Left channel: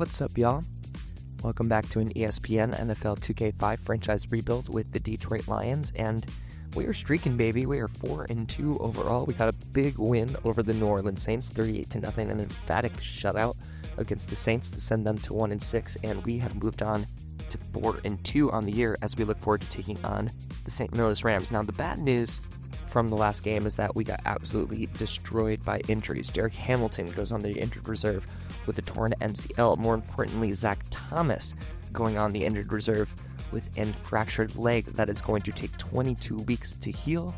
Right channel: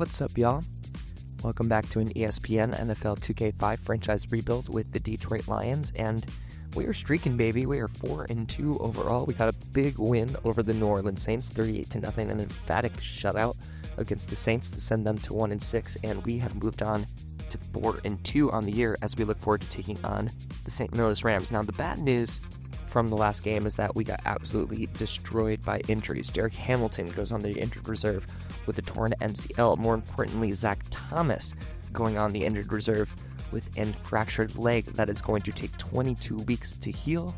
What's up, y'all? Welcome back to an ESPN NFL 2K5 franchise rebuild with the Detroit Lions, and we are streaking, baby. We are 4-2 overall. We got a big win over the New Orleans Saints, 38-0, an emphatic shutout against the Saints to send them to 1-6, and we have moved on to 4-2 on the year as we look forward to taking on the St. Louis Rams. Now, the bad news from the last game is that we got absolutely destroyed by injuries. Derek Hamilton goes on the injured reserve with a torn MCL. More importantly, Zach Thomas going on the injured reserve with a fractured leg that is going to take 22 weeks to heal.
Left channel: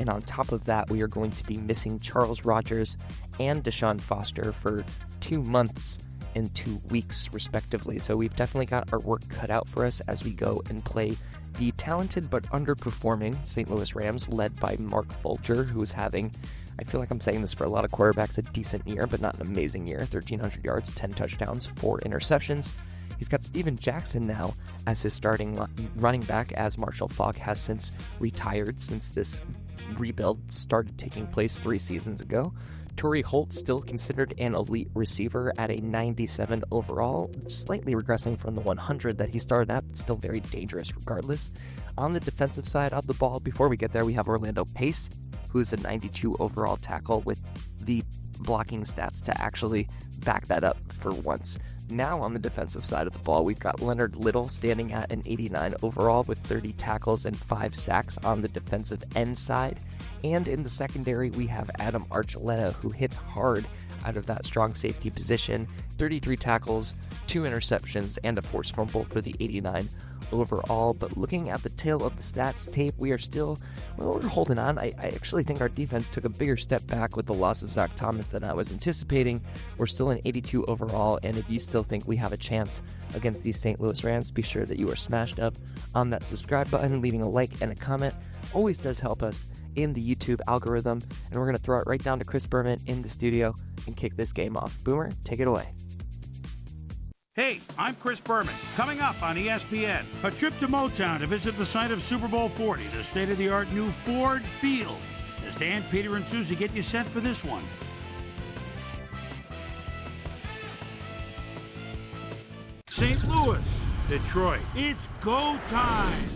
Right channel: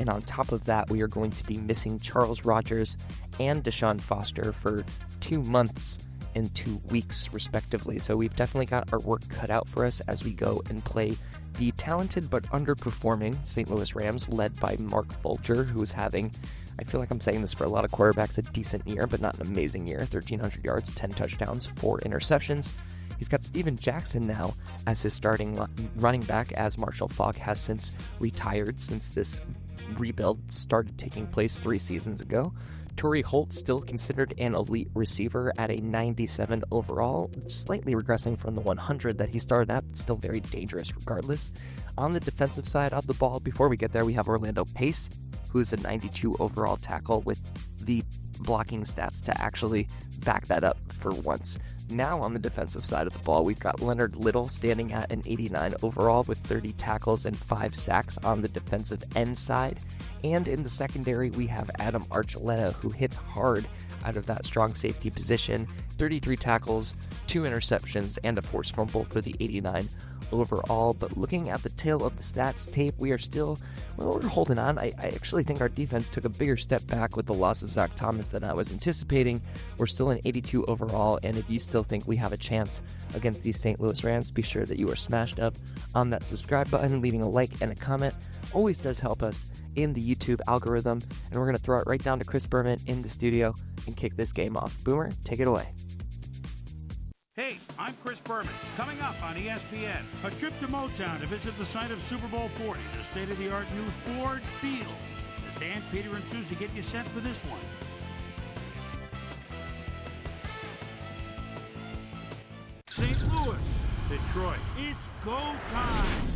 And on top of that, we are going to be missing Charles Rogers and Deshaun Foster for 2 months and 2 weeks, respectively. So we've definitely got our work cut out for us as we go and play the talented but underperforming St. Louis Rams, led by Mark Bulger, who is having, I feel like I'm saying this for a lot of quarterbacks, a decent year, but not an amazing year. 1,300 yards, 10 touchdowns, 4 interceptions. He's got Steven Jackson now as his starting running back, as Marshall Faulk has since retired since this rebuild started taking place 3 seasons ago. Torrey Holt still considered an elite receiver at a 97 overall, slightly regressing from the 100 that he started at, but still very dangerous regardless. On the defensive side of the ball, before we get there, we have Orlando Pace, who's a 92 overall tackle with the blocking stats to actually back that up for once. Now on the defensive side of the ball, we've got Leonard Little standing at an 89 overall with 30 tackles and 5 sacks on the defensive end side. And in the secondary, we have Adam Archuleta, who hits hard out of that strong safety position. 33 tackles, 2 interceptions, and a forced fumble for the 89 overall. But looking at the tail of the stats tape, we are still, we're holding on. I actually think our defense took a bigger step back with the loss of Zach Thomas than I was anticipating. We're still an 82 overall, and if you still think we have a chance against these St. Louis Rams, be sure that you are smashed up on that subscribe button. Leaving a like and a comment always does help us in the YouTube algorithm, and we're going to throw it right down to Chris Berman in the studio and kick this game off. Boomer, take it away. Hey, I'm Chris Berman. Coming up on ESPN, a trip to Motown to visit the site of Super Bowl 40, the state-of-the-art new Ford Field. As Dan, Peter, and Susie get you set for this one. St. Louis, Detroit, it's go time.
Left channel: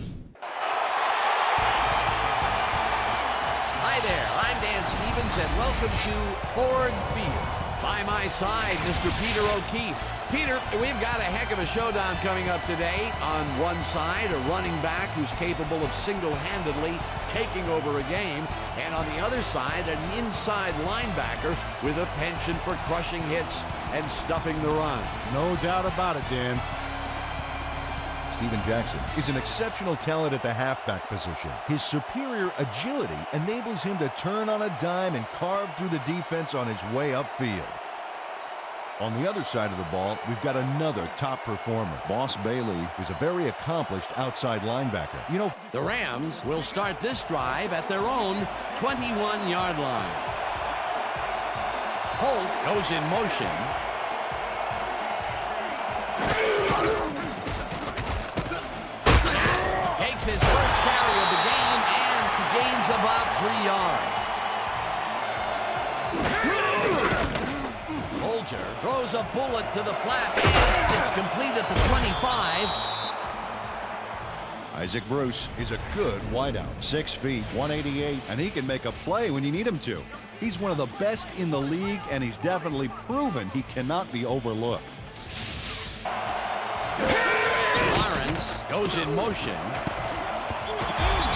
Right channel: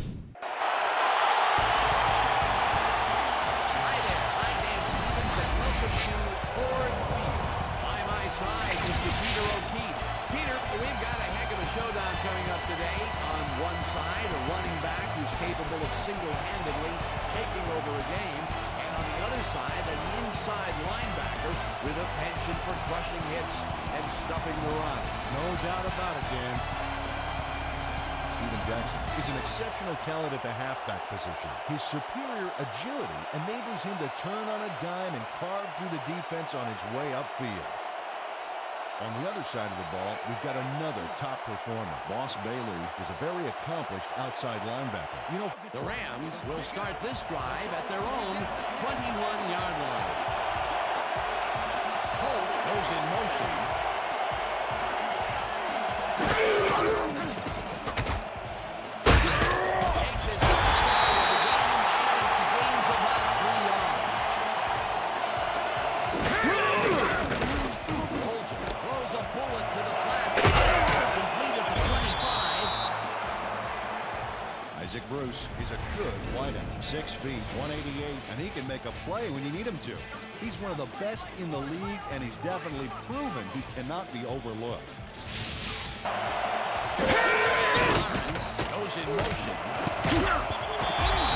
Hi there, I'm Dan Stevens, and welcome to Ford Field. By my side, Mr. Peter O'Keefe. Peter, we've got a heck of a showdown coming up today. On one side, a running back who's capable of single-handedly taking over a game, and on the other side, an inside linebacker with a penchant for crushing hits and stuffing the run. No doubt about it, Dan. Steven Jackson is an exceptional talent at the halfback position. His superior agility enables him to turn on a dime and carve through the defense on his way upfield. On the other side of the ball, we've got another top performer. Boss Bailey is a very accomplished outside linebacker. You know, the Rams will start this drive at their own 21-yard line. Holt goes in motion. Takes his first carry of the game and gains about 3 yards. Bulger throws a bullet to the flat, and it's complete at the 25. Isaac Bruce is a good wideout. 6 feet, 188, and he can make a play when you need him to. He's one of the best in the league, and he's definitely proven he cannot be overlooked. Lawrence goes in motion.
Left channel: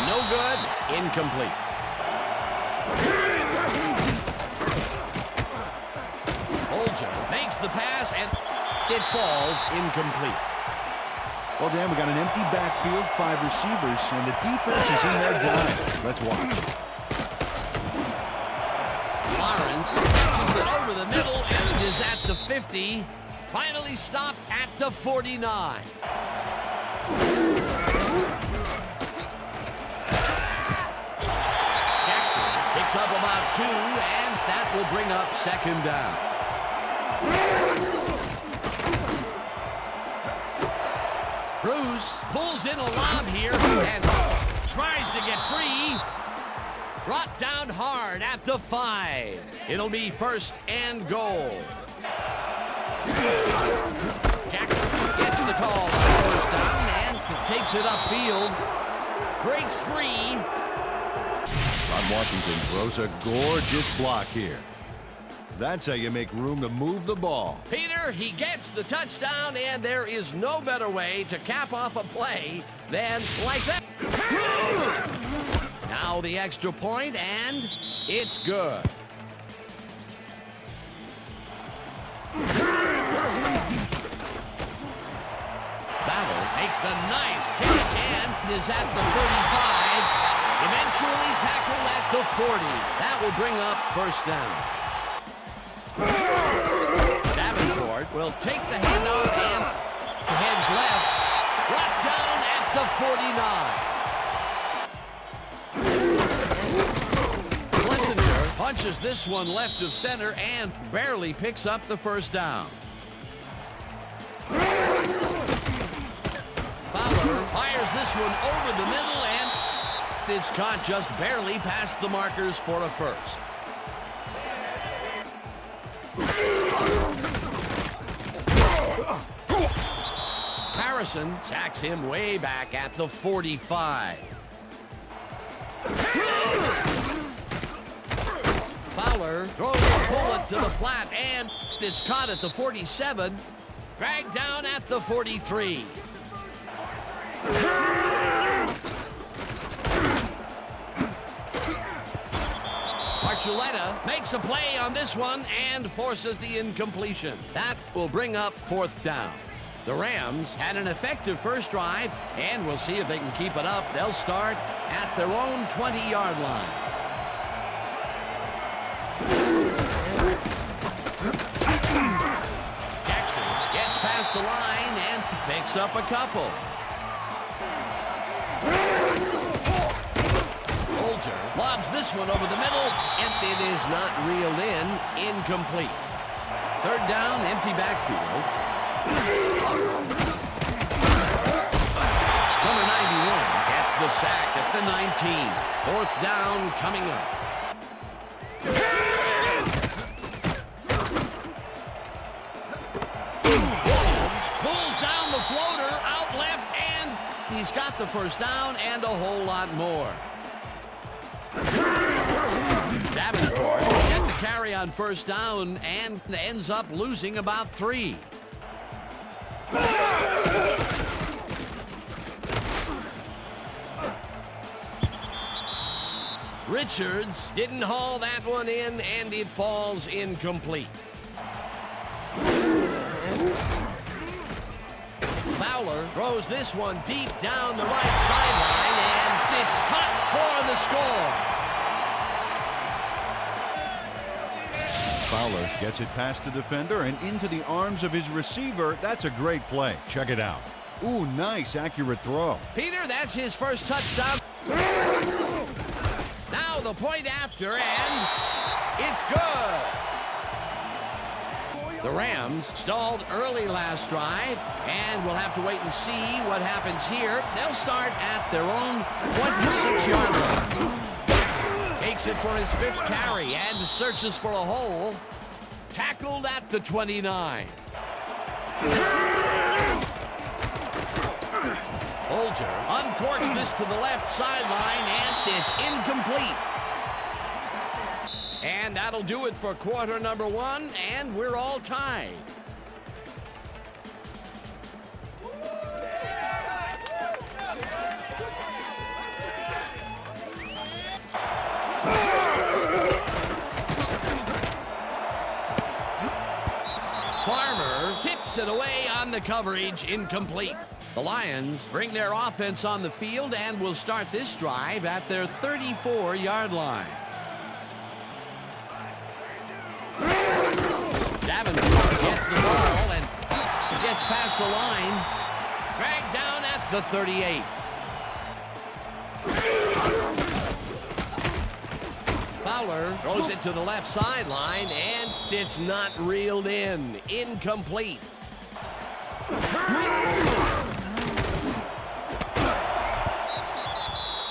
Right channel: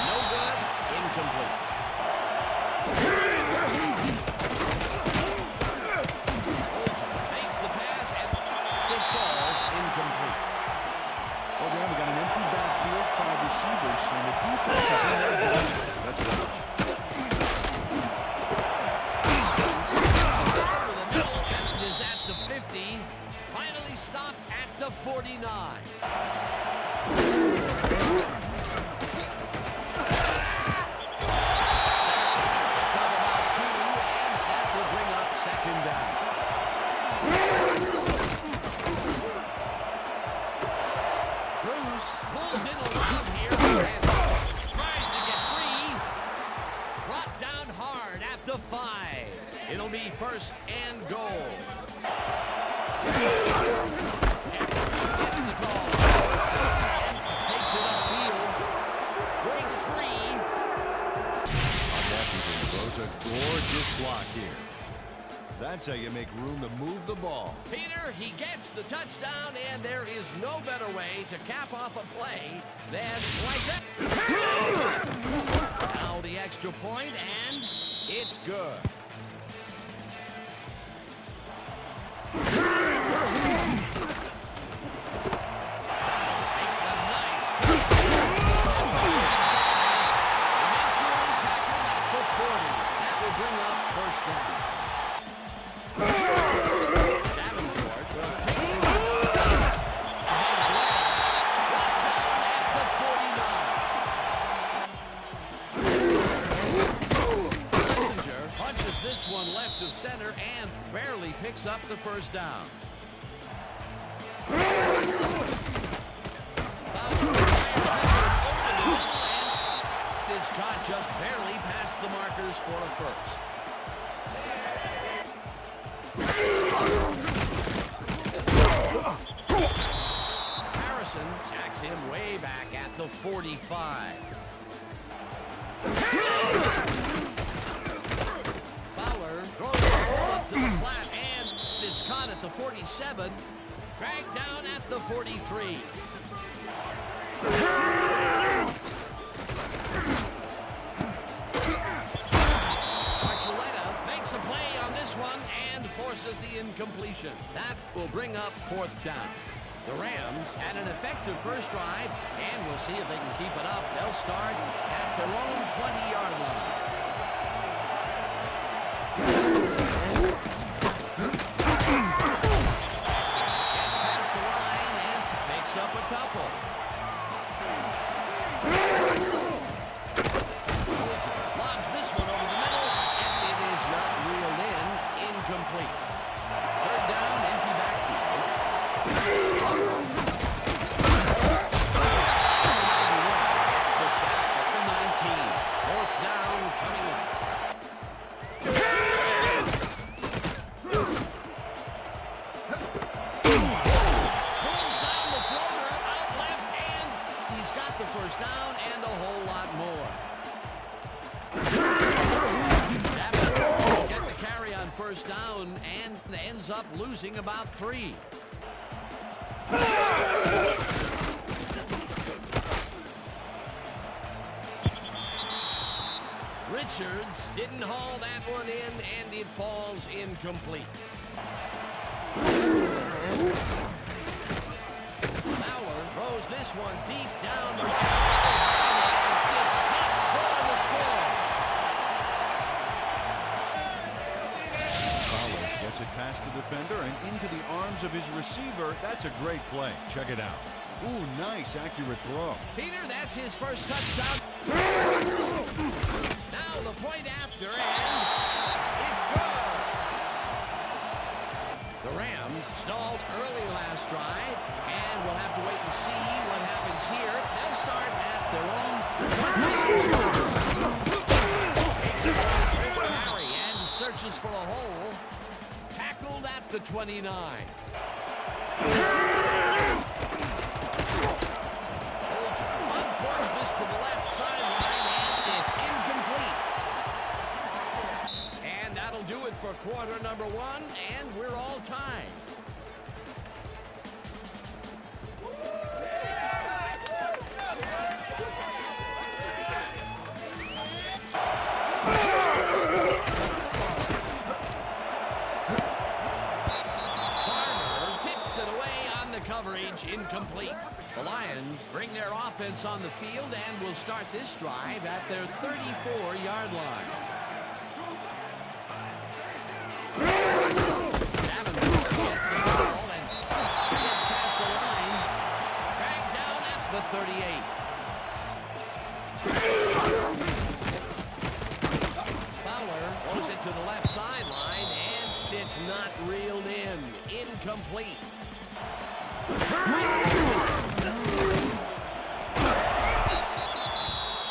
No good. Incomplete. Bulger makes the pass, and it falls incomplete. Well, Dan, we got an empty backfield, 5 receivers, and the defense is in there dying. Let's watch. Lawrence pitches it over the middle, and it is at the 50. Finally stopped at the 49. Jackson picks up about 2, and that will bring up second down. Bruce pulls in a lob here and tries to get free. Brought down hard at the 5. It'll be first and goal. takes it upfield. Breaks free. Todd Washington throws a gorgeous block here. That's how you make room to move the ball. Peter, he gets the touchdown, and there is no better way to cap off a play than like that. Now the extra point, and it's good. Battle makes the nice kick and is at the 35. Eventually tackled at the 40. That will bring up first down. Davenport will take the handoff and heads left. Brought down at the 49. Plessinger punches this one left of center and barely picks up the first down. Fowler fires this one over the middle, and it's caught just barely past the markers for a first. Harrison sacks him way back at the 45. Fowler throws a bullet to the flat, and it's caught at the 47. Dragged down at the 43. Archuleta makes a play on this one and forces the incompletion. That will bring up fourth down. The Rams had an effective first drive, and we'll see if they can keep it up. They'll start at their own 20-yard line. Jackson gets past the line and picks up a couple. Olger lobs this one over the middle, and it is not reeled in. Incomplete. Third down, empty backfield. Number 91 gets the sack at the 19. Fourth down coming up. Pulls down the floater out left, and he's got the first down and a whole lot more. Davenport will get the carry on first down and ends up losing about 3. Richards didn't haul that one in, and it falls incomplete. Fowler throws this one deep down the right sideline, and it's caught for the score. Fowler gets it past the defender and into the arms of his receiver. That's a great play. Check it out. Ooh, nice, accurate throw. Peter, that's his first touchdown. Now the point after, and it's good. The Rams stalled early last drive, and we'll have to wait and see what happens here. They'll start at their own 26-yard line. Takes it for his 5th carry and searches for a hole. Tackled at the 29. Olger uncorks this to the left sideline, and it's incomplete. And that'll do it for quarter number 1, and we're all tied. Farmer tips it away on the coverage, incomplete. The Lions bring their offense on the field and will start this drive at their 34-yard line. Davenport gets the ball and gets past the line. Dragged down at the 38. Fowler throws it to the left sideline, and it's not reeled in. Incomplete.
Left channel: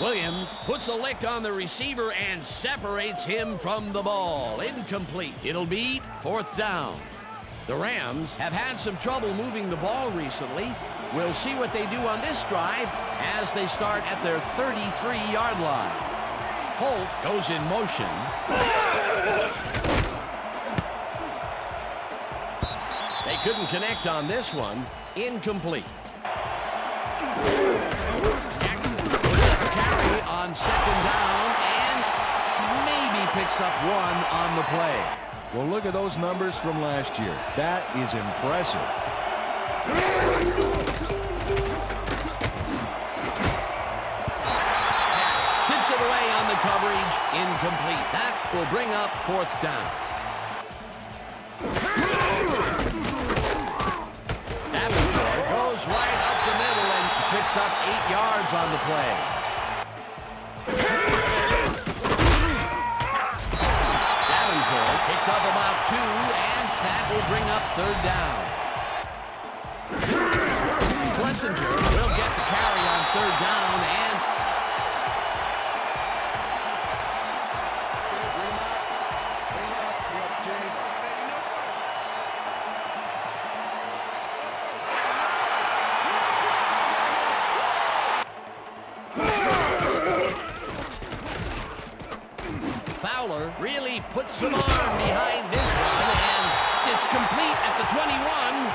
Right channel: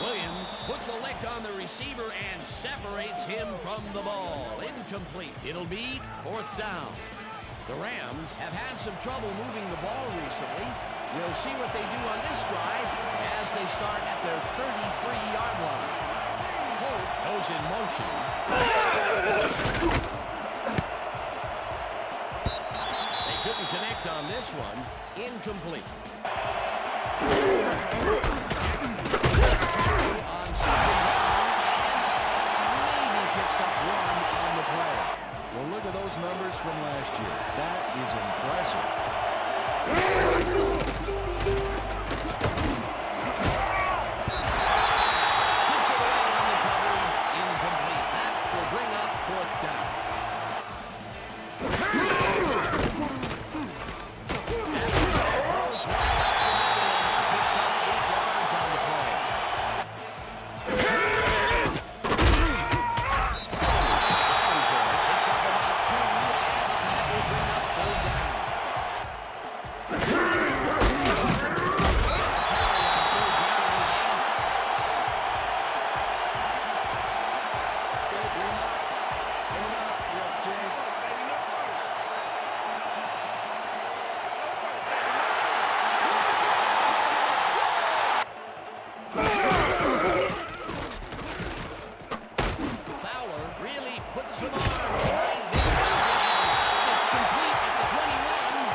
Williams puts a lick on the receiver and separates him from the ball. Incomplete. It'll be 4th down. The Rams have had some trouble moving the ball recently. We'll see what they do on this drive as they start at their 33-yard line. Holt goes in motion. They couldn't connect on this one. Incomplete. Jackson carry on second down and maybe picks up one on the play. Well, look at those numbers from last year. That is impressive. Tips it away on the coverage. Incomplete. That will bring up fourth down. Davenport goes right up the middle and picks up 8 yards on the play. Davenport picks up about 2, and that will bring up third down. Schlesinger will get the carry on third down, and Bring him up. We got to change. Fowler really puts some arm behind this one, and it's complete at the 21.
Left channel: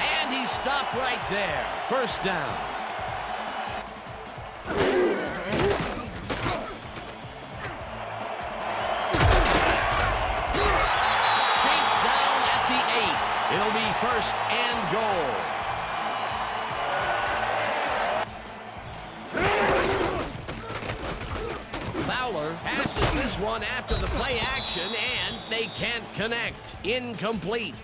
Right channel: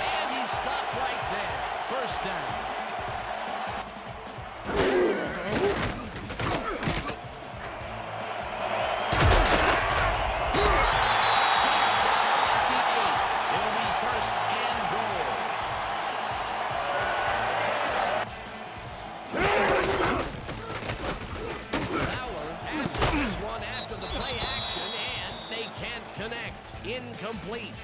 And he's stopped right there. First down. Chase down at the 8. It'll be first and goal. Fowler passes this one after the play action, and they can't connect. Incomplete.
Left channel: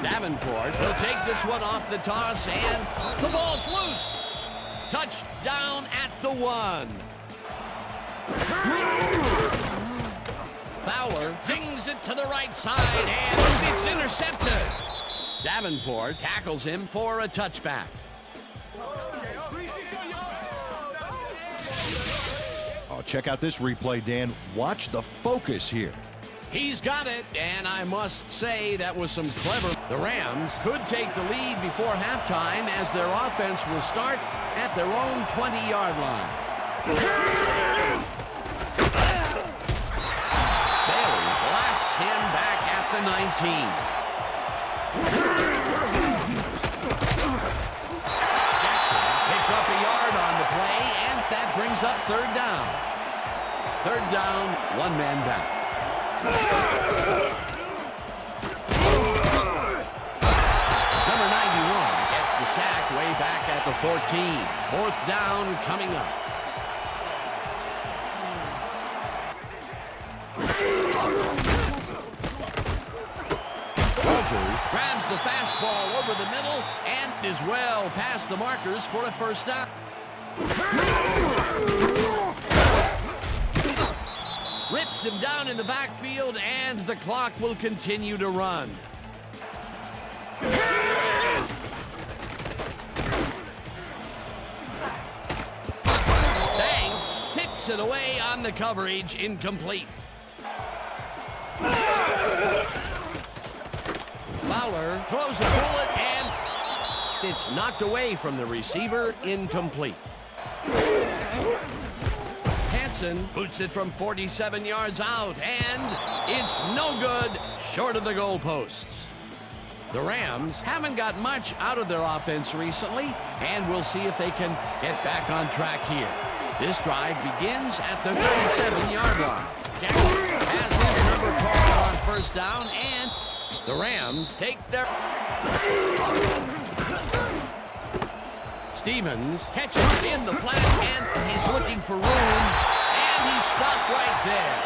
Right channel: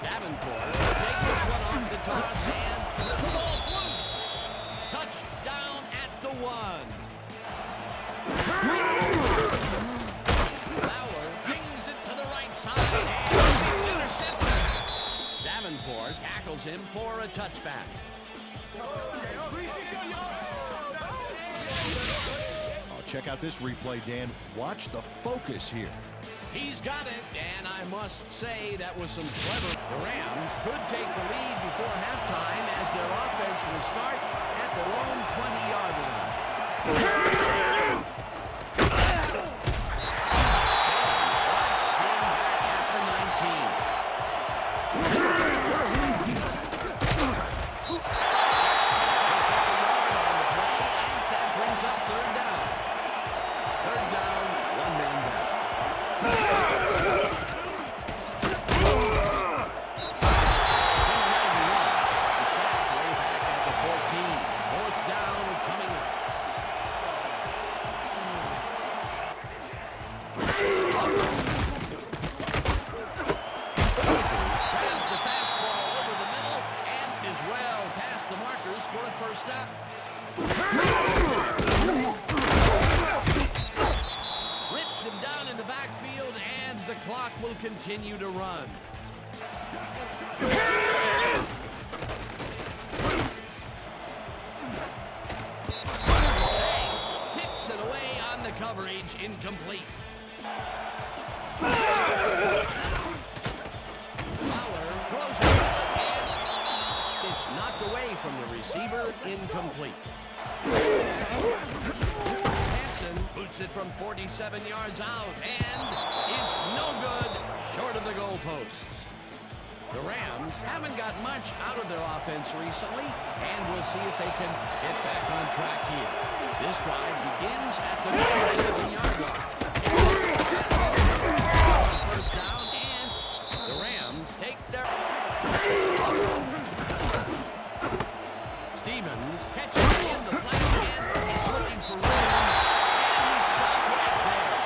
Davenport will take this one off the toss, and the ball's loose. Touchdown at the 1. Fowler zings it to the right side, and it's intercepted. Davenport tackles him for a touchback. Oh, check out this replay, Dan. Watch the focus here. He's got it, and I must say that was some clever. The Rams could take the lead before halftime as their offense will start at their own 20-yard line. Bailey blasts him back at the 19. Jackson picks up a yard on the play, and that brings up third down. Third down, one man down. Number 91 gets the sack way back at the 14. Fourth down coming up. Walters grabs the fastball over the middle and is well past the markers for a first down. Rips him down in the backfield, and the clock will continue to run. Banks tips it away on the coverage. Incomplete. Fowler throws a bullet, and it's knocked away from the receiver. Incomplete. Hansen boots it from 47 yards out, and it's no good, short of the goalposts. The Rams haven't got much out of their offense recently, and we'll see if they can get back on track here. This drive begins at the 37-yard line. Jackson has his number called on first down, and the Rams take their... Stevens catches it in the flat, and he's looking for room, and he's stopped right there.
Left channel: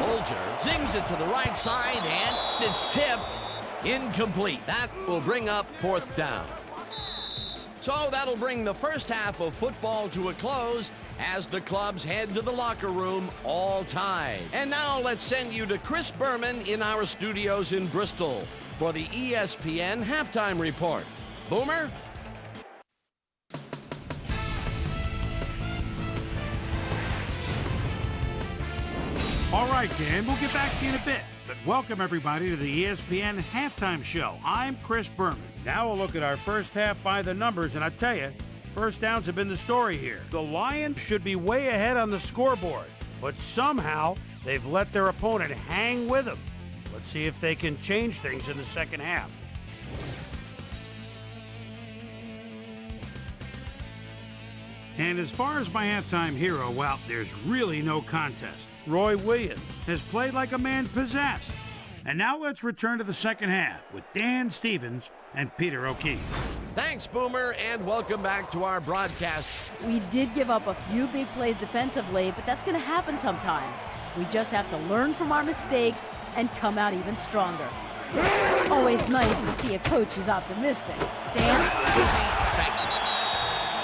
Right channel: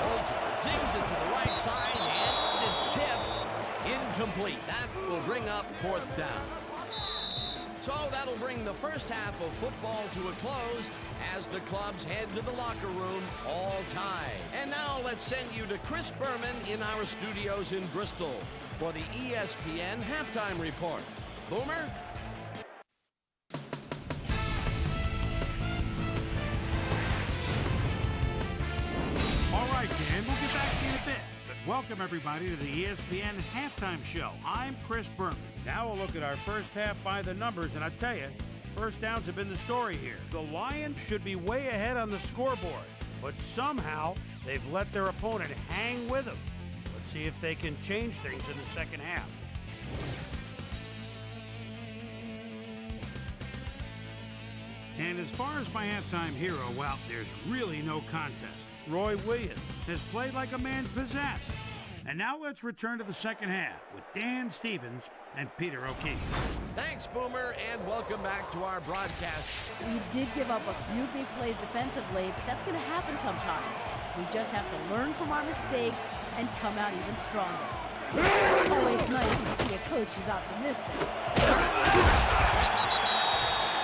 Bolger zings it to the right side, and it's tipped. Incomplete. That will bring up fourth down. So that'll bring the first half of football to a close as the clubs head to the locker room all tied. And now let's send you to Chris Berman in our studios in Bristol for the ESPN Halftime Report. Boomer? All right, Dan, we'll get back to you in a bit. But welcome, everybody, to the ESPN Halftime Show. I'm Chris Berman. Now we'll look at our first half by the numbers, and I tell you, first downs have been the story here. The Lions should be way ahead on the scoreboard, but somehow they've let their opponent hang with them. Let's see if they can change things in the second half. And as far as my halftime hero, well, there's really no contest. Roy Williams has played like a man possessed. And now let's return to the second half with Dan Stevens and Peter O'Keefe. Thanks, Boomer, and welcome back to our broadcast. We did give up a few big plays defensively, but that's going to happen sometimes. We just have to learn from our mistakes and come out even stronger. Always nice to see a coach who's optimistic. Dan?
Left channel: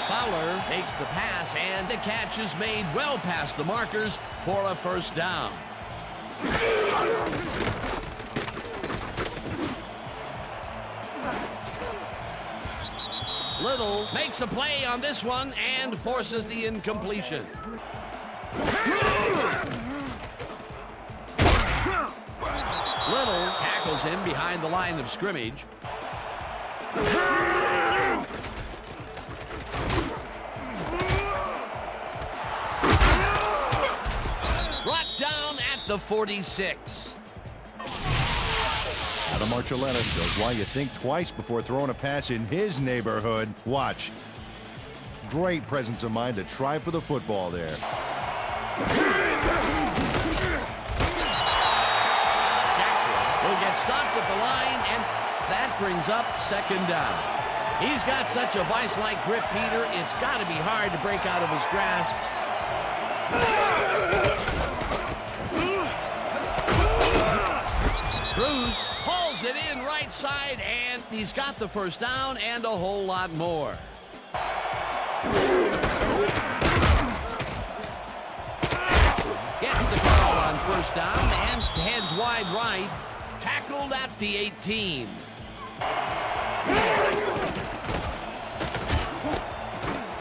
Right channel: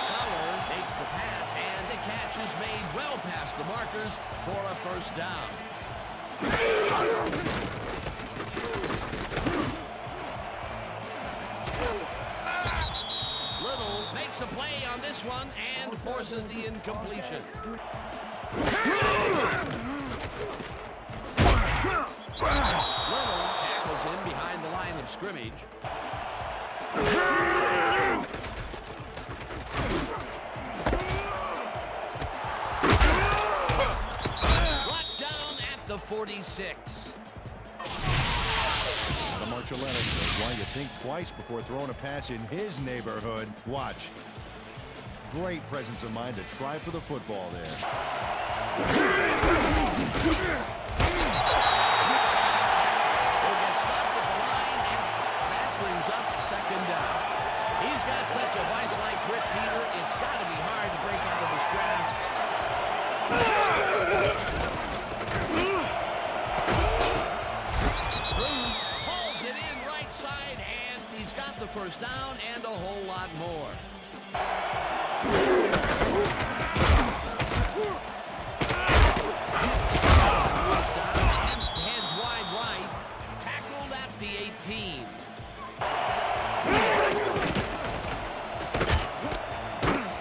Fowler makes the pass, and the catch is made well past the markers for a first down. Little makes a play on this one and forces the incompletion. Little tackles him behind the line of scrimmage. Brought down at the 46. Adam Archuleta shows why you think twice before throwing a pass in his neighborhood. Watch. Great presence of mind to try for the football there. Jackson will get stopped at the line, and that brings up second down. He's got such a vice-like grip, Peter, it's got to be hard to break out of his grasp. Bruce hauls it in right side, and he's got the first down and a whole lot more. Gets the call on first down and heads wide right. Tackled at the 18.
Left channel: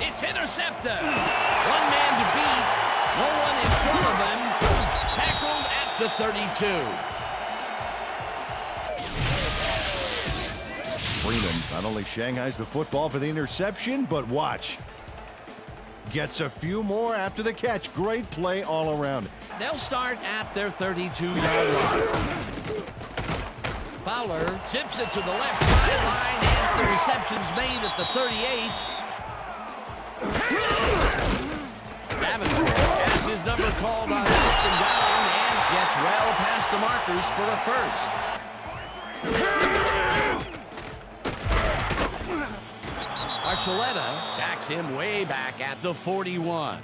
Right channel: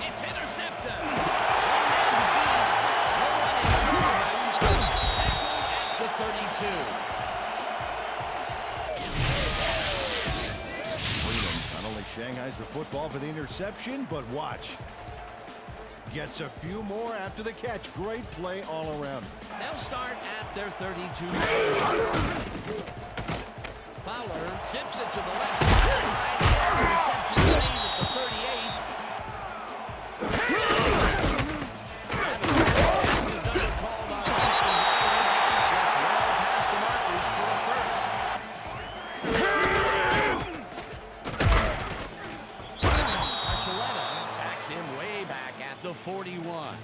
It's intercepted. One man to beat. No one in front of him. Tackled at the 32. Freeman not only shanghais the football for the interception, but watch. Gets a few more after the catch. Great play all around. They'll start at their 32-yard line. Fowler zips it to the left sideline, and the reception's made at the 38. Davenport has his number called on second down and gets well past the markers for a first. Archuleta sacks him way back at the 41.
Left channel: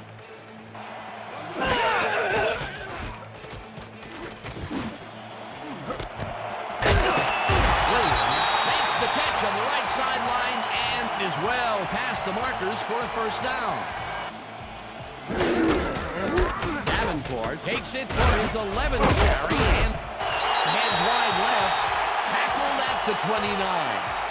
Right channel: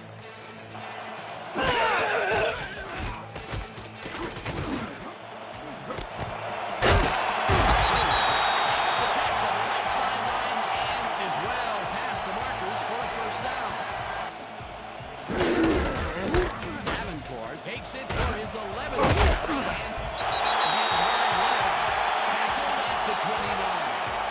Makes the catch on the right sideline and is well past the markers for a first down. Davenport takes it for his 11th carry and heads wide left, tackled at the 29.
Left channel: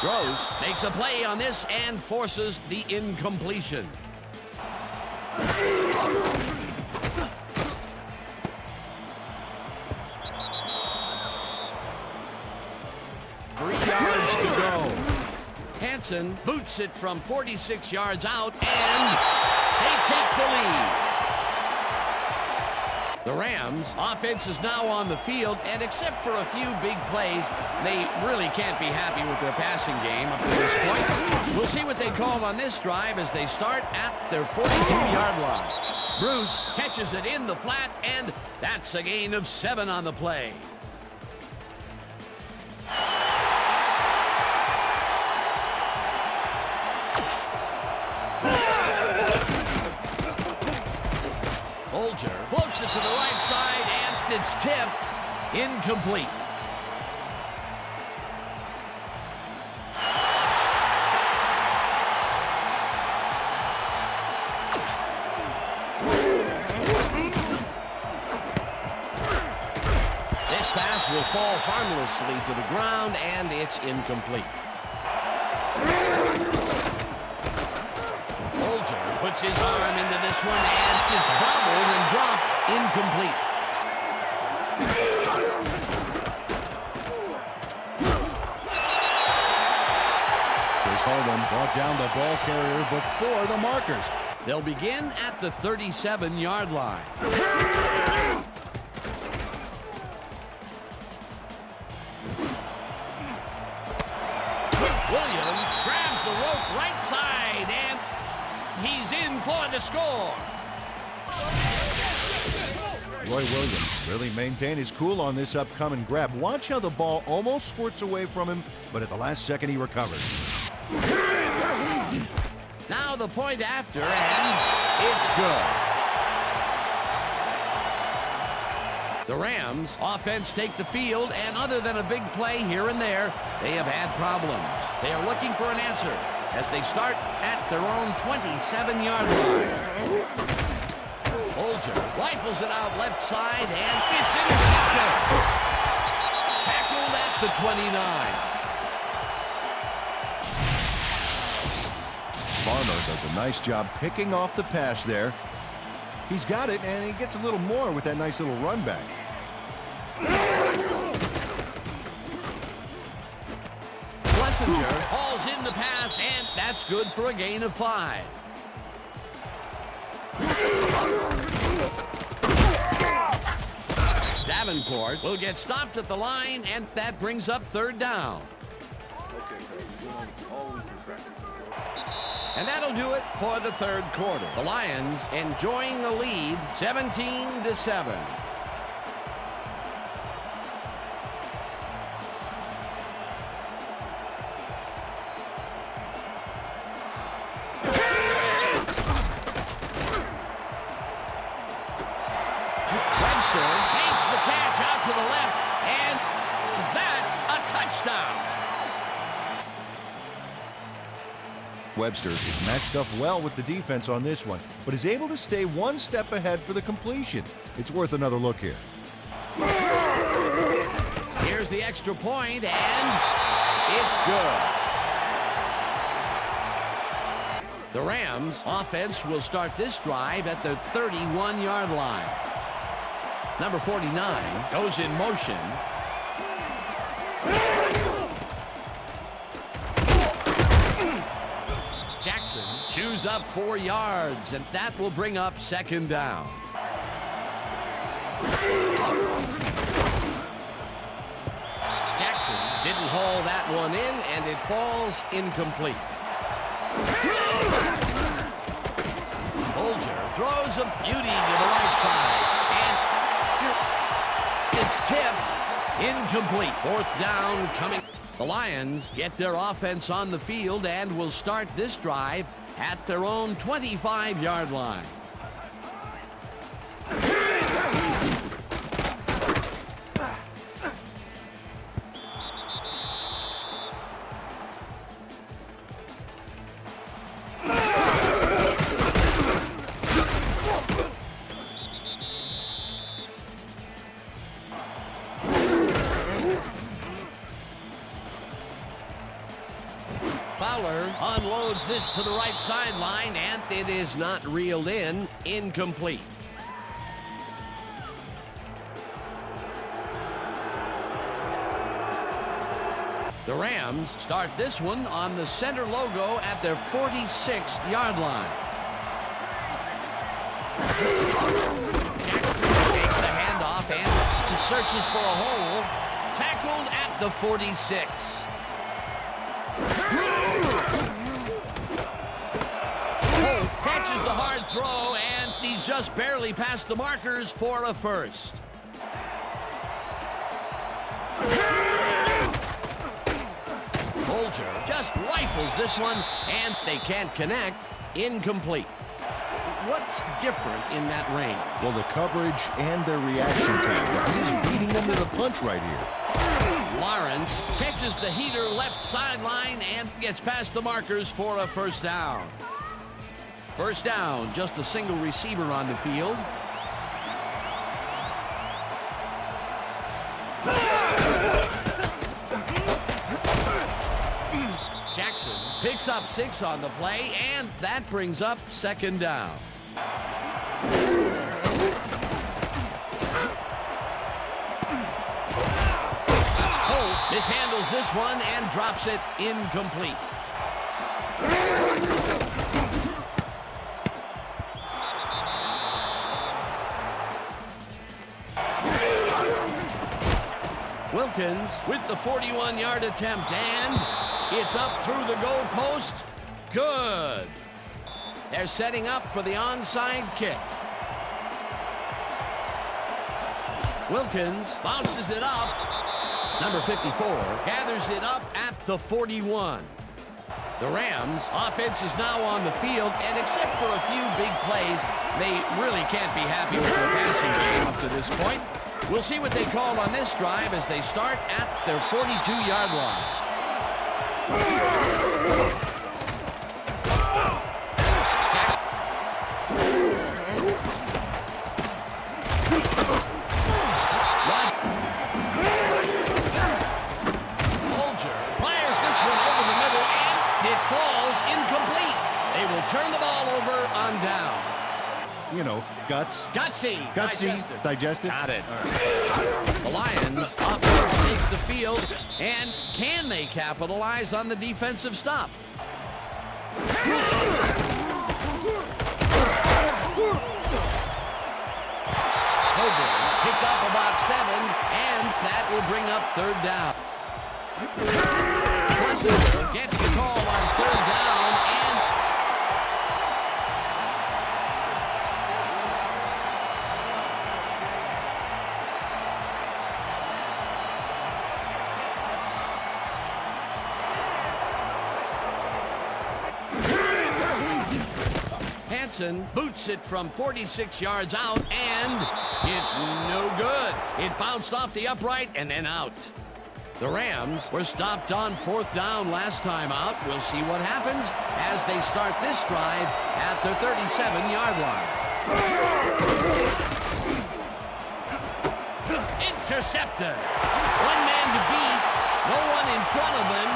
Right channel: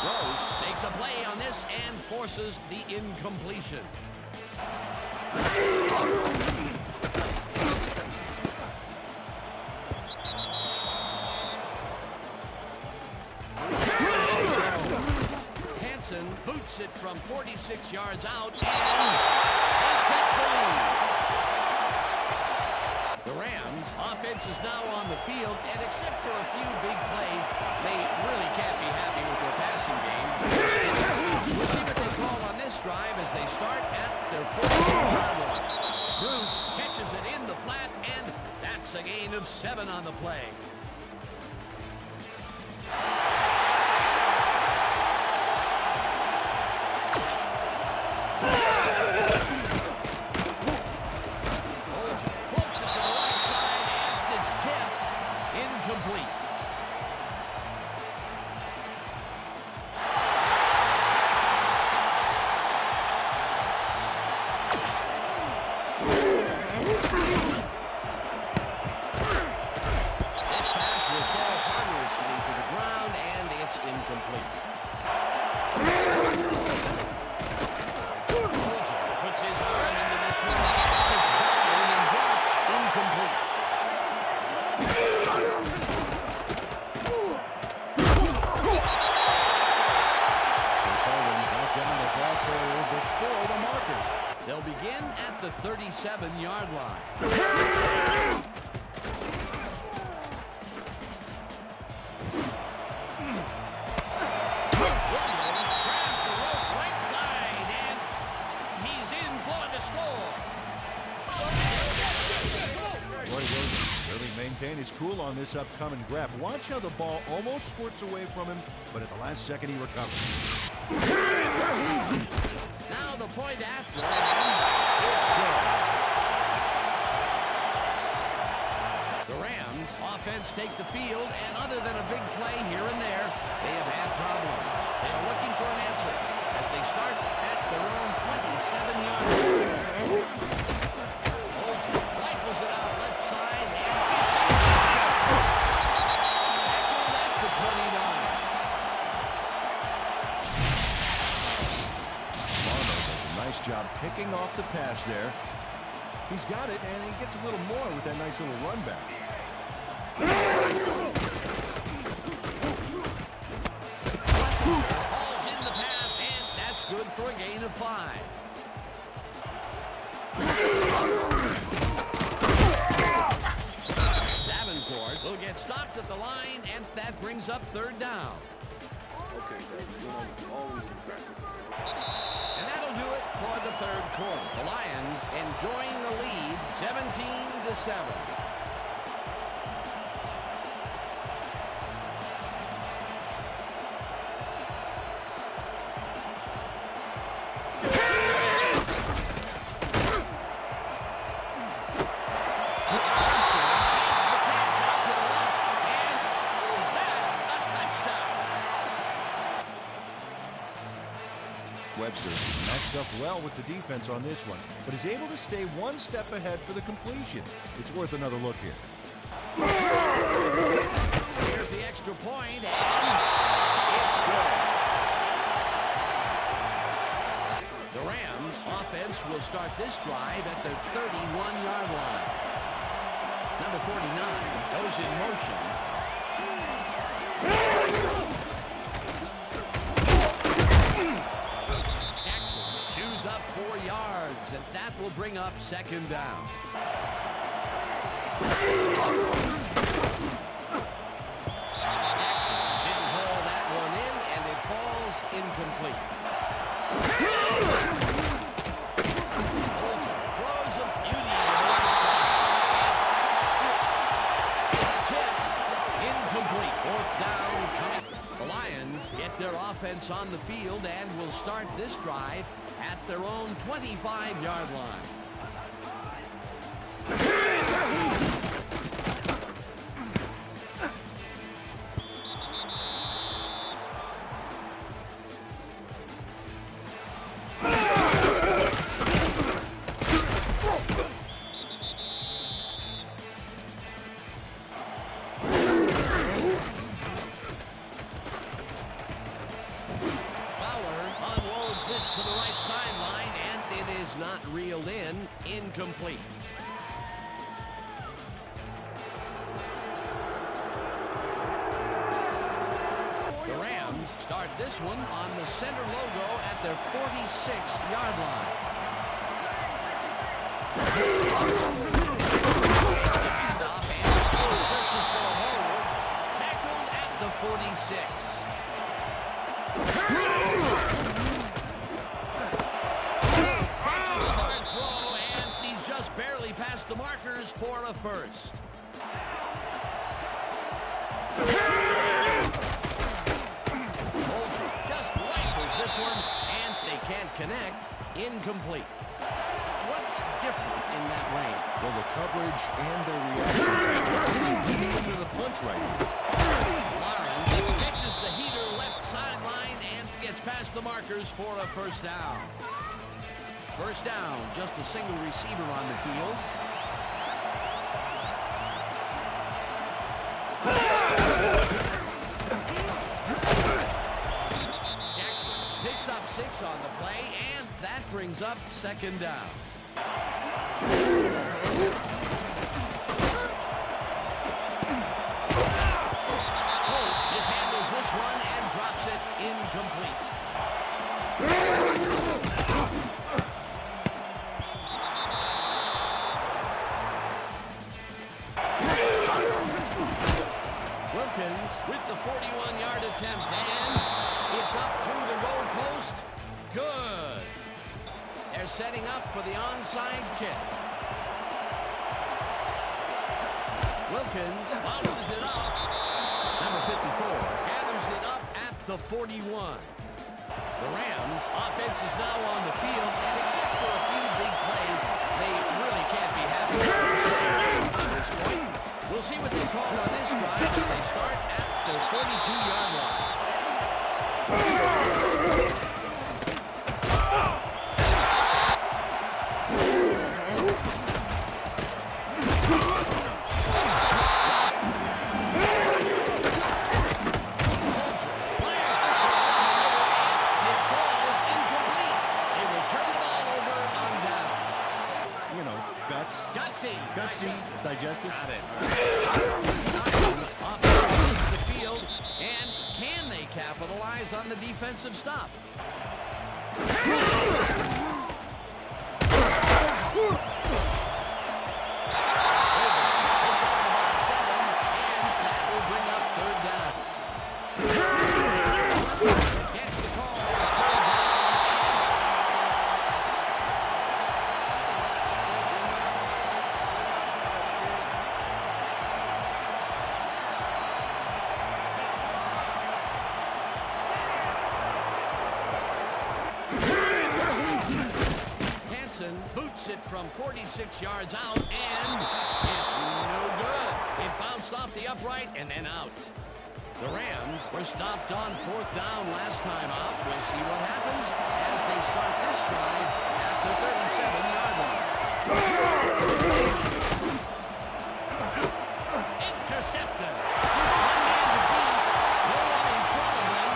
Gross makes a play on this and forces the incompletion. 3 yards to go. Hansen boots it from 46 yards out, and they take the lead. The Rams' offense is now on the field, and except for a few big plays, they really can't be happy with their passing game up to this point. We'll see what they call on this drive as they start at their 42-yard line. Bruce catches it in the flat, and that's a gain of 7 on the play. Bolger floats it to the right side, and it's tipped. Incomplete. This pass will fall harmlessly to the ground, and it's incomplete. puts his arm into this one, and it's bobbled and dropped incomplete. Chris Hold'em brought down the ball carrier before the markers. They'll begin at the 37-yard line. Williams grabs the rope right side, and he's in for the score. Roy Williams really maintained his cool on this upcoming grab. Watch how the ball almost squirts away from him, but at the last second he recovers. Now the point after, and it's good. The Rams offense take the field, and other than a big play here and there, they have had problems. They are looking for an answer as they start at their own 27-yard line. Bolger rifles it out left side, and it's intercepted. Tackled at the 29. Farmer does a nice job picking off the pass there. He's got it, and he gets a little more with that nice little run back. Schlesinger hauls in the pass, and that's good for a gain of 5. Davenport will get stopped at the line, and that brings up 3rd down. Okay, guys, all we can practice. And that'll do it for the 3rd quarter. The Lions enjoying the lead, 17-7. Webster makes the catch out to the left, and that's a touchdown. Webster is matched up well with the defense on this one, but is able to stay one step ahead for the completion. It's worth another look here. Here's the extra point, and it's good. The Rams offense will start this drive at the 31-yard line. Number 49 goes in motion. Jackson chews up 4 yards, and that will bring up 2nd down. Jackson didn't haul that one in, and it falls incomplete. Bolger throws a beauty to the right side, and it's tipped incomplete. 4th down coming. The Lions get their offense on the field and will start this drive at their own 25-yard line. Fowler unloads this to the right sideline, and it is not reeled in. Incomplete. The Rams start this one on the center logo at their 46-yard line. Takes the handoff and searches for a hole. Tackled at the 46. Catches the hard throw, and he's just barely past the markers for a first. Bolger just rifles this one, and they can't connect. Incomplete. What's different in that range? Well, the coverage and their reaction time. He's beating them to the punch right here. Lawrence catches the heater left sideline and gets past the markers for a 1st down. 1st down, just a single receiver on the field. Jackson picks Picks up 6 on the play, and that brings up second down. Holt mishandles this one and drops it incomplete. Wilkins with the 41-yard attempt, and it's up through the goalpost. Good. They're setting up for the onside kick. Wilkins bounces it up. Number 54 gathers it up at the 41. The Rams offense is now on the field, and except for a few big plays, they really can't be happy with their passing game up to this point. We'll see what they call on this drive as they start at their 42-yard line. Bolger fires this one over the middle, and it falls incomplete. They will turn the ball over on down. You know, gutsy. Digested. Got it. All right. The Lions offense takes the field, and can they capitalize on the defensive stop? Hogan picked up about 7, and that will bring up third down. Plessinger gets the call on third down, and Hansen boots it from 46 yards out, and it's no good. It bounced off the upright and then out. The Rams were stopped on 4th down last time out. We'll see what happens as they start this drive at their 37-yard line. Intercepted. One man to beat. No one in front of him.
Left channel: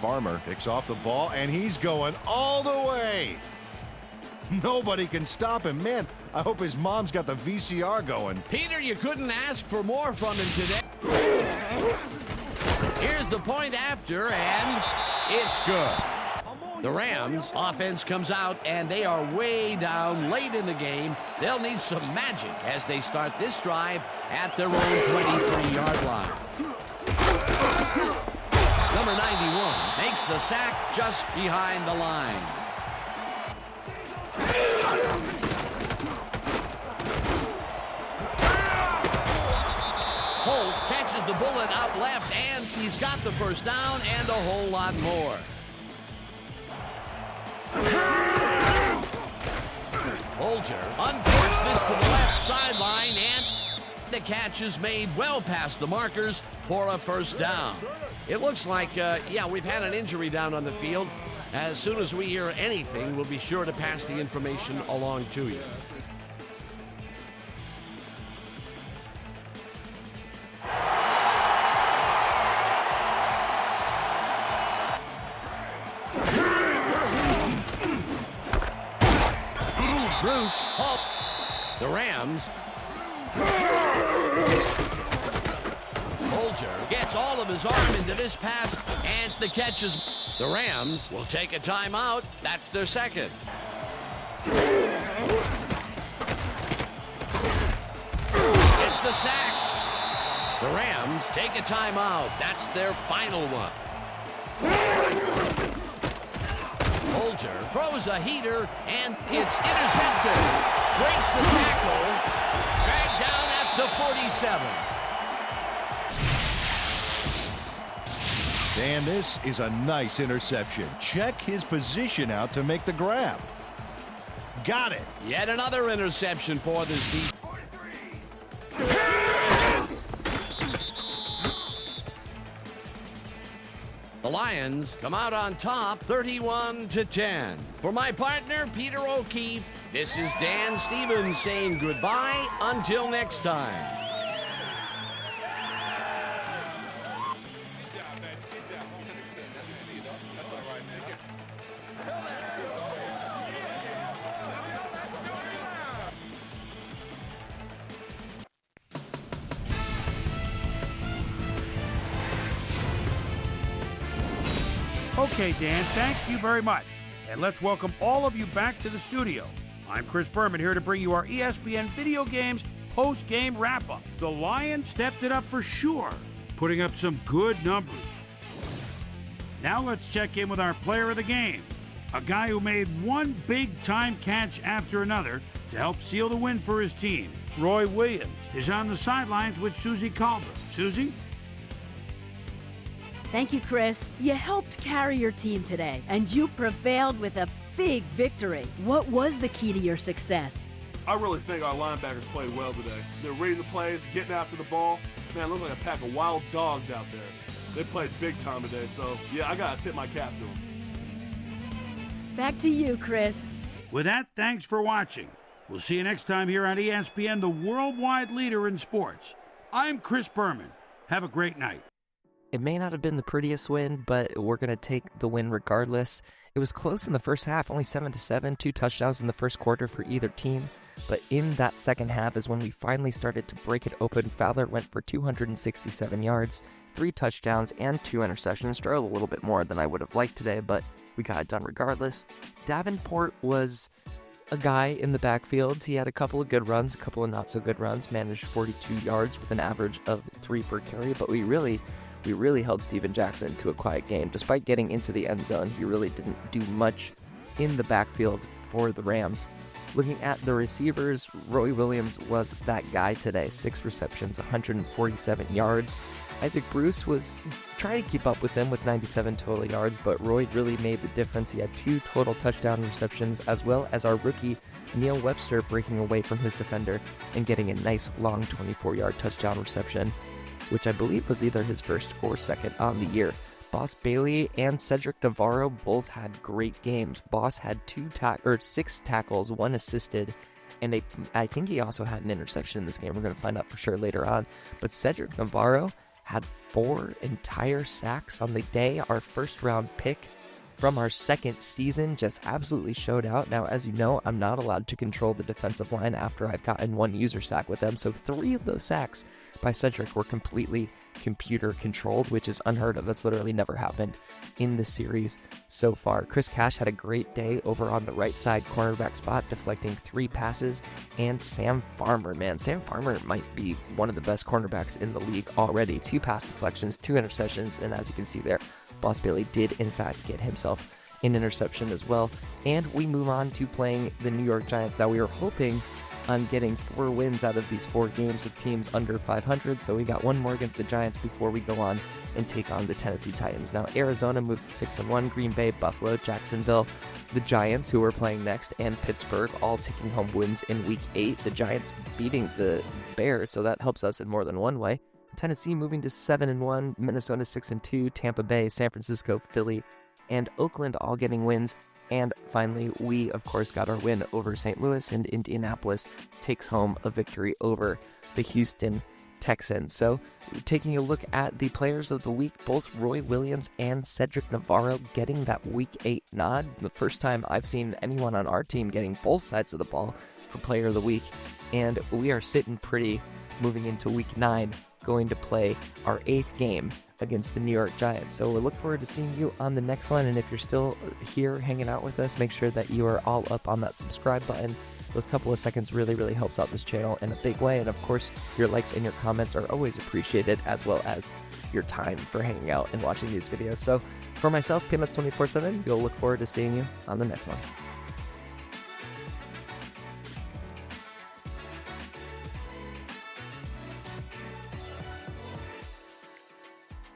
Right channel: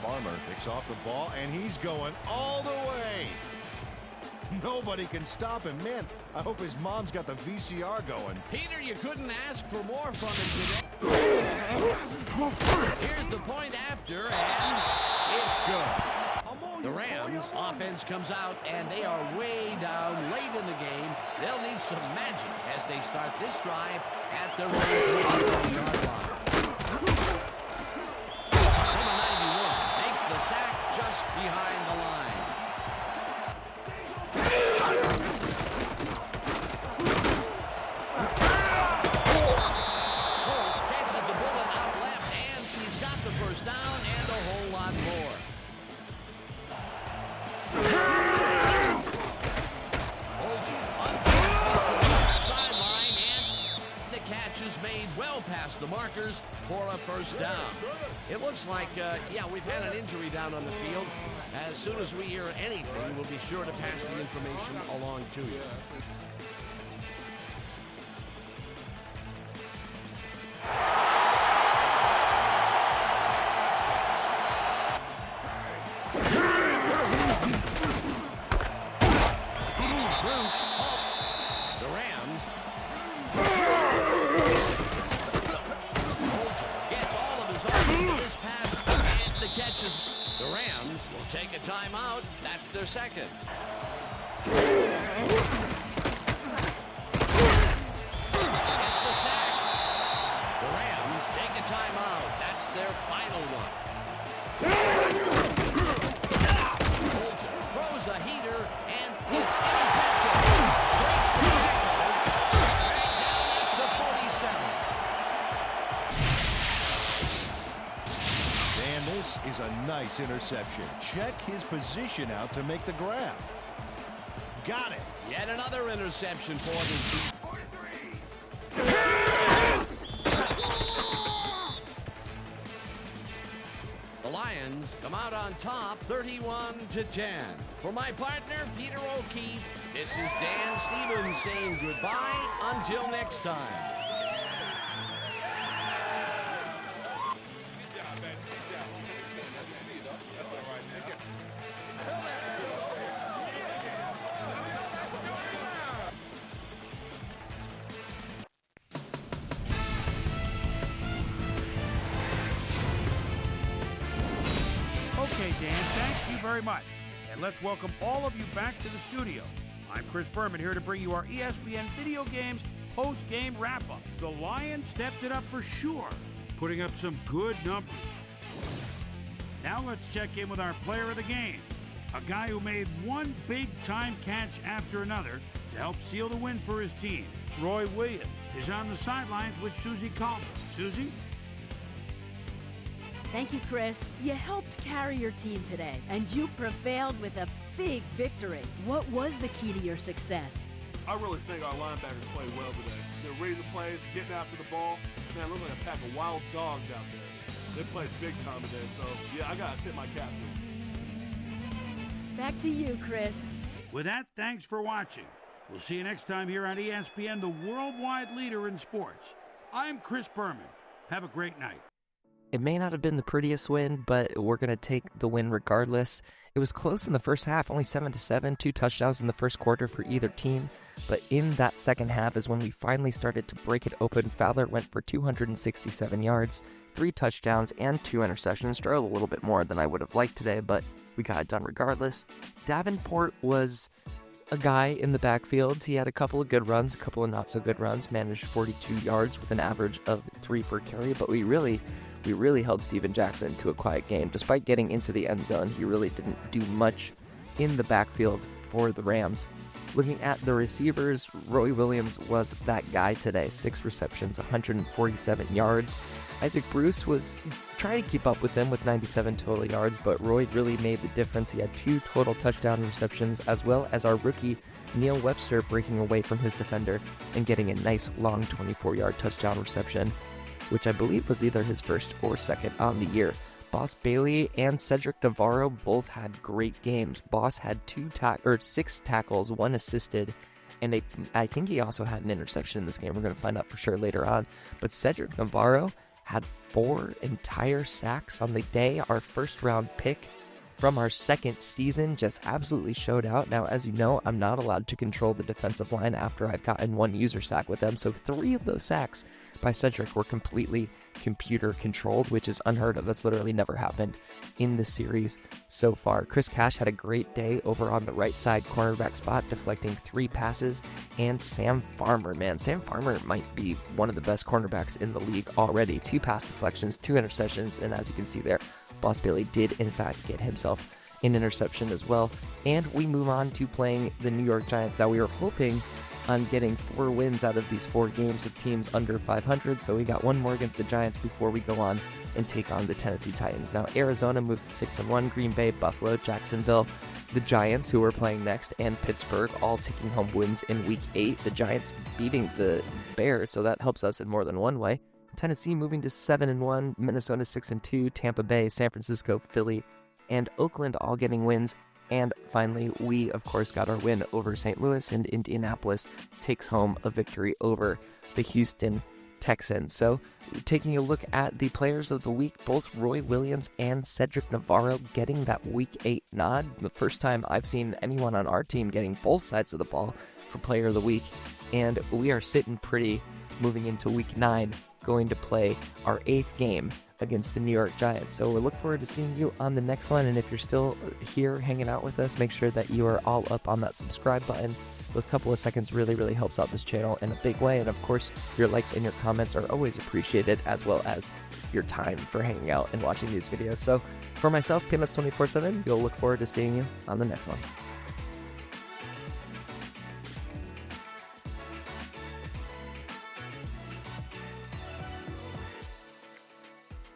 Farmer picks off the ball, and he's going all the way. Nobody can stop him. Man, I hope his mom's got the VCR going. Peter, you couldn't ask for more from him today. Here's the point after, and it's good. The Rams offense comes out, and they are way down late in the game. They'll need some magic as they start this drive at their own 23-yard line. Number 91 makes the sack just behind the line. Holt catches the bullet out left, and he's got the first down and a whole lot more. Bolger uncorks this to the left sideline, and the catch is made well past the markers for a first down. It looks like, we've had an injury down on the field. As soon as we hear anything, we'll be sure to pass the information along to you. Bruce Holt. The Rams. Bolger gets all of his arm into this pass, and the catch is... The Rams will take a timeout. That's their second. It's the sack. The Rams take a timeout. That's their final one. Bolger throws a heater, and it's intercepted. Breaks a tackle. Dragged down at the 47. And this is a nice interception. Check his position out to make the grab. Got it. Yet another interception for this defense. The Lions come out on top 31-10. For my partner, Peter O'Keefe, this is Dan Stevens saying goodbye until next time. Good job, man. Good job. That's what see, though. That's all right, man. Okay, Dan, thank you very much. And let's welcome all of you back to the studio. I'm Chris Berman here to bring you our ESPN Video Games post-game wrap-up. The Lions stepped it up for sure, putting up some good numbers. Now let's check in with our player of the game, a guy who made one big-time catch after another to help seal the win for his team. Roy Williams is on the sidelines with Susie Calder. Susie? Thank you, Chris. You helped carry your team today, and you prevailed with a big victory. What was the key to your success? I really think our linebackers played well today. They're reading the plays, getting after the ball. Man, it looks like a pack of wild dogs out there. They played big time today, so yeah, I gotta tip my cap to them. Back to you, Chris. With that, thanks for watching. We'll see you next time here on ESPN, the worldwide leader in sports. I'm Chris Berman. Have a great night. It may not have been the prettiest win, but we're going to take the win regardless. It was close in the first half, only 7-7, 2 touchdowns in the first quarter for either team. But in that second half is when we finally started to break it open. Fowler went for 267 yards, 3 touchdowns, and 2 interceptions. Struggled a little bit more than I would have liked today, but we got it done regardless. Davenport was a guy in the backfield. He had a couple of good runs, a couple of not so good runs, managed 42 yards with an average of 3 per carry, but we really held Steven Jackson to a quiet game. Despite getting into the end zone, he really didn't do much in the backfield for the Rams. Looking at the receivers, Roy Williams was that guy today. 6 receptions, 147 yards. Isaac Bruce was trying to keep up with him with 97 total yards, but Roy really made the difference. He had 2 total touchdown receptions, as well as our rookie Neil Webster breaking away from his defender and getting a nice long 24-yard touchdown reception, which I believe was either his first or second on the year. Boss Bailey and Cedric Navarro both had great games. Boss had 6 tackles, 1 assisted, and I think he also had an interception in this game. We're going to find out for sure later on. But Cedric Navarro had 4 entire sacks on the day. Our first-round pick from our second season just absolutely showed out. Now, as you know, I'm not allowed to control the defensive line after I've gotten 1 user sack with them, so 3 of those sacks by Cedric were completely computer controlled, which is unheard of. That's literally never happened in the series so far. Chris Cash had a great day over on the right side cornerback spot, deflecting 3 passes, and Sam Farmer, man, Sam Farmer might be one of the best cornerbacks in the league already. 2 pass deflections, 2 interceptions, and as you can see there, Boss Bailey did in fact get himself an interception as well. And we move on to playing the New York Giants. Now, we were hoping on getting 4 wins out of these 4 games with teams under 500, so we got 1 more against the Giants before we go on and take on the Tennessee Titans. Now, Arizona moves to 6-1, Green Bay, Buffalo, Jacksonville, the Giants, who are playing next, and Pittsburgh, all taking home wins in Week 8. The Giants beating the Bears, so that helps us in more than one way. Tennessee moving to 7-1, Minnesota 6-2, Tampa Bay, San Francisco, Philly, and Oakland all getting wins. And finally, we, of course, got our win over St. Louis, and Indianapolis takes home a victory over the Houston Texans. So, taking a look at the players of the week, both Roy Williams and Cedric Navarro getting that Week 8 nod. The first time I've seen anyone on our team getting both sides of the ball for player of the week. And we are sitting pretty moving into Week 9, going to play our 8th game against the New York Giants. So we look forward to seeing you on the next one. And if you're still here hanging out with us, make sure that you are all up on that subscribe button. Those couple of seconds really helps out this channel in a big way. And of course, your likes and your comments are always appreciated, as well as your time for hanging out and watching these videos. So for myself, PMS247, we'll look forward to seeing you on the next one.